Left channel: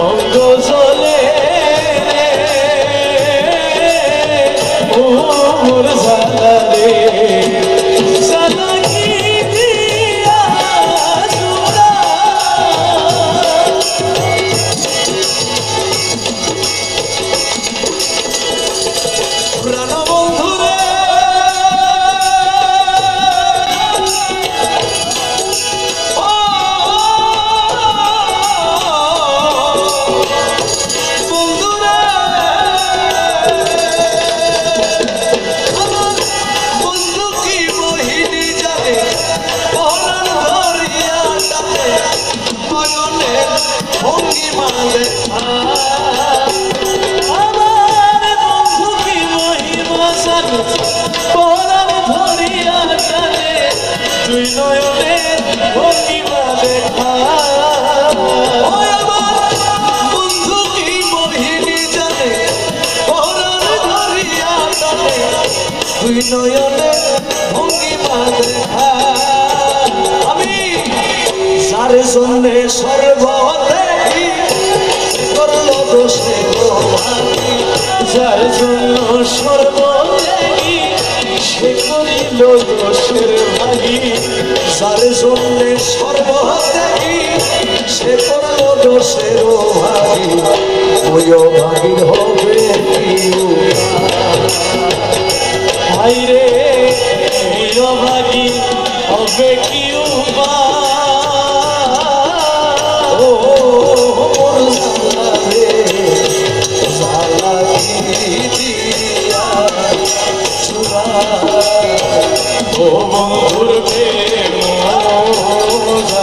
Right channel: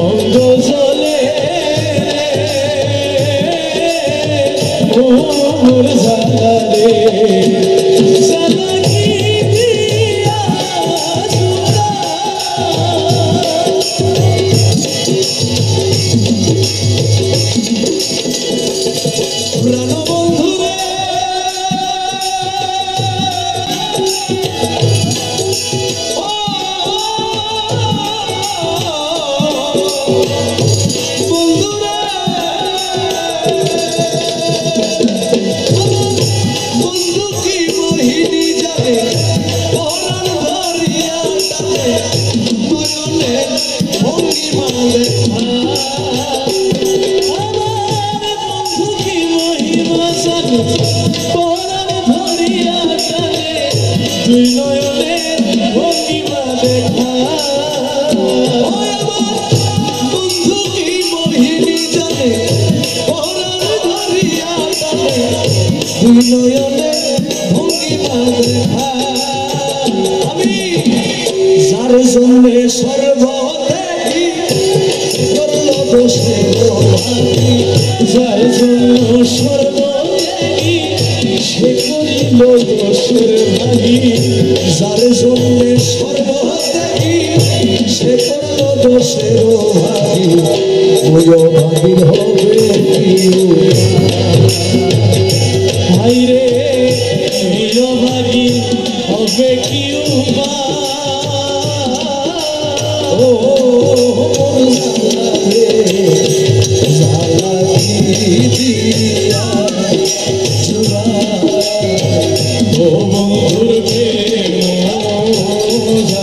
অঙ্গ জলে মোর জ্বালা রে জ্বালা কি দিয়া জুড়া প্রাণ বন্ধু রে দুই নয়নে ভঙ্গিমা দেখা বন্ধু কি মোহিনী জানে পরাণ ধরিয়া টানে দুই নয়নে ভঙ্গিমা দেখা আমি যার জন্যে সর্বত্যাগী করল দোষে যার জন্য সর্বত্যাগী সে করিল দোষের ভাগী যার জন্যে সর্বত্যাগী সে করল দোষের ভাগী ওই ভাগীর হবে কি ভাই রে ওই ভাগী হবে কি